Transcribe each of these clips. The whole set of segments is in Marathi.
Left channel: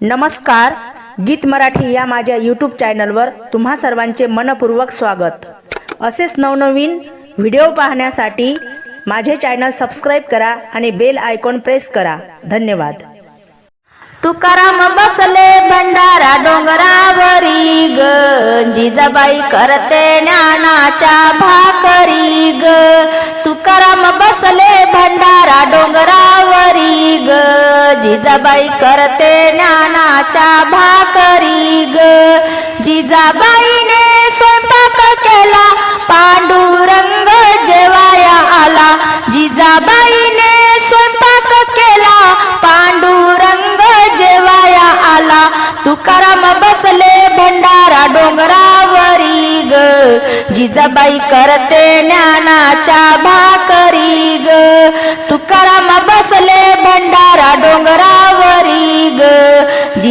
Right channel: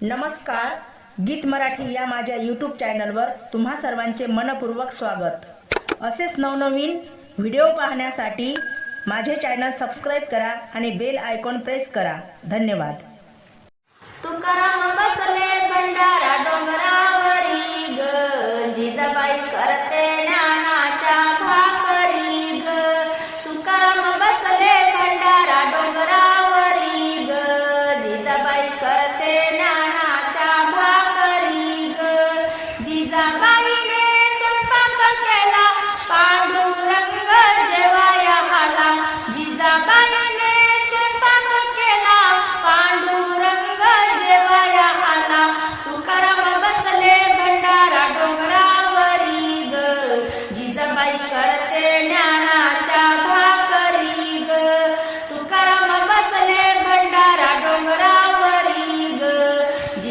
नमस्कार गीत मराठी या माझ्या यूट्यूब चॅनलवर तुम्हा सर्वांचे मनपूर्वक स्वागत. असेच नवनवीन व्हिडिओ पाहण्यासाठी माझे चॅनल सबस्क्राईब करा आणि बेल आयकॉन प्रेस करा. धन्यवाद. तुकाराम बसले भंडारा डोंगरावरी ग. जिजाबाई करते ज्ञानाच्या भाकरी ग. जिजाबाई करते ज्ञानाच्या भाकरी ग. जिजाबाईने स्वयंपाक केला पांडुरंग जेवाया आला. जिजाबाईने स्वयंपाक केला पांडुरंग जेवाया आला. तुकाराम बसले भंडारा डोंगरावरी ग. जिजाबाई करते ज्ञानाच्या भाकरी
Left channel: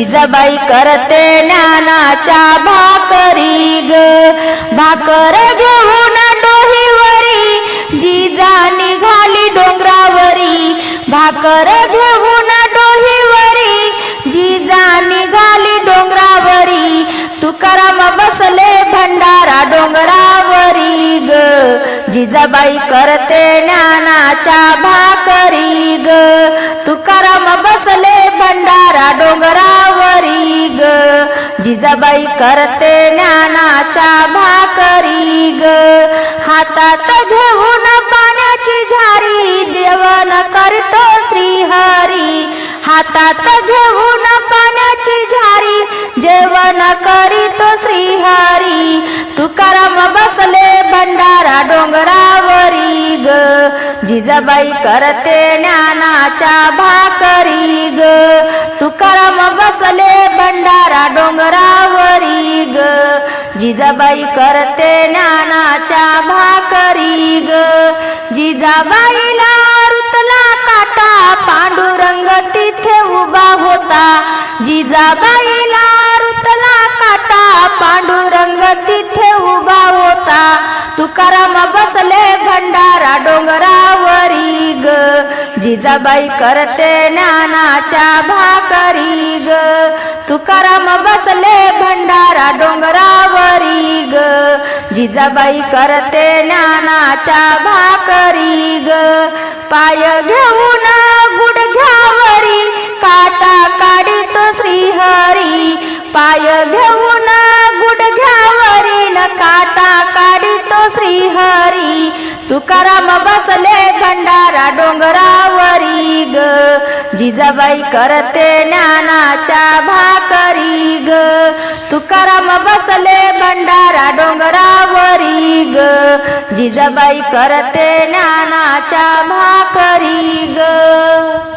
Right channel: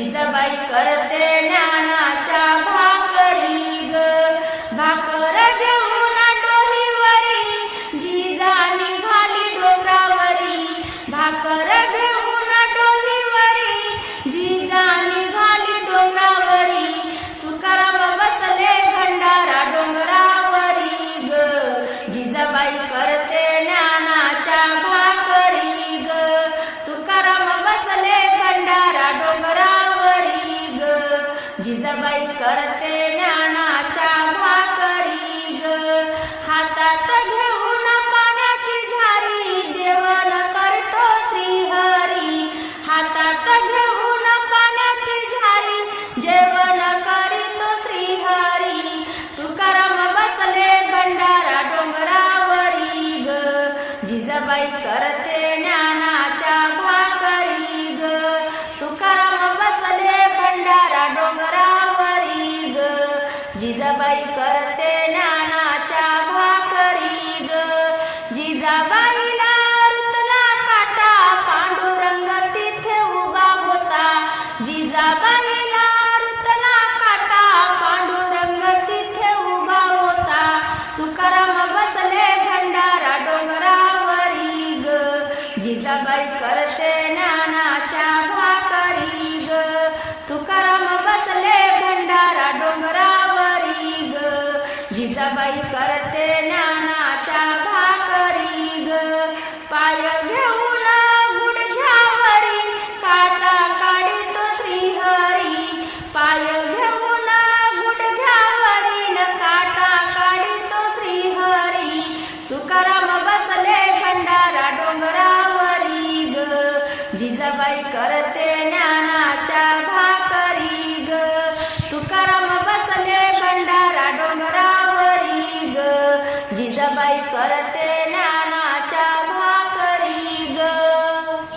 जिजाबाई करते ज्ञानाच्या भाकरी ग. भाकर घेऊन डोहीवरी जिजा निघाली डोंगरावरी. भाकर घेऊन डोहीवरी जिजा निघाली डोंगरावरी. तुकाराम बसले भंडारा डोंगरावरी ग. जिजाबाई करते ज्ञानाच्या जिजाबाई करते ज्ञानाच्या भाकरी ग. हातात घेऊन पाण्याची झारी जेवण करतो श्रीहरी. हातात घेऊन पाण्याची झारी जेवण करीतो श्रीहरी. तुकाराम बसले भंडारा डोंगरावरी ग. जिजाबाई करते ज्ञानाच्या भाकरी ग. तुकाराम बसले जिजाबाई करते ज्ञानाच्या भाकरी ग. जिजाबाईला रुतला काटा पांडुरंग तिथे उभा होता. जिजाबाईला रुतला काटा पांडुरंग तिथे उभा होता. तुकाराम बसले भंडारा डोंगरावरी ग. जिजाबाई करते ज्ञानाच्या भाकरी ग. तुकाराम बसले भंडारा डोंगरा जिजाबाई करते ज्ञानाच्या भाकरी ग. पाय घेऊन गुडघ्यावरी काटा काढित श्रीहरी. पाय घेऊन गुडघ्यावरी न काटा काढित श्रीहरी. तुकाराम बसले खंडारा डोंगरावरी ग. जिजाबाई करते ज्ञानाच्या भाकरी ग. तुकाराम बसले भंडारा डोंगरा ग. जिजाबाई करते ज्ञानाच्या भाकरी ग.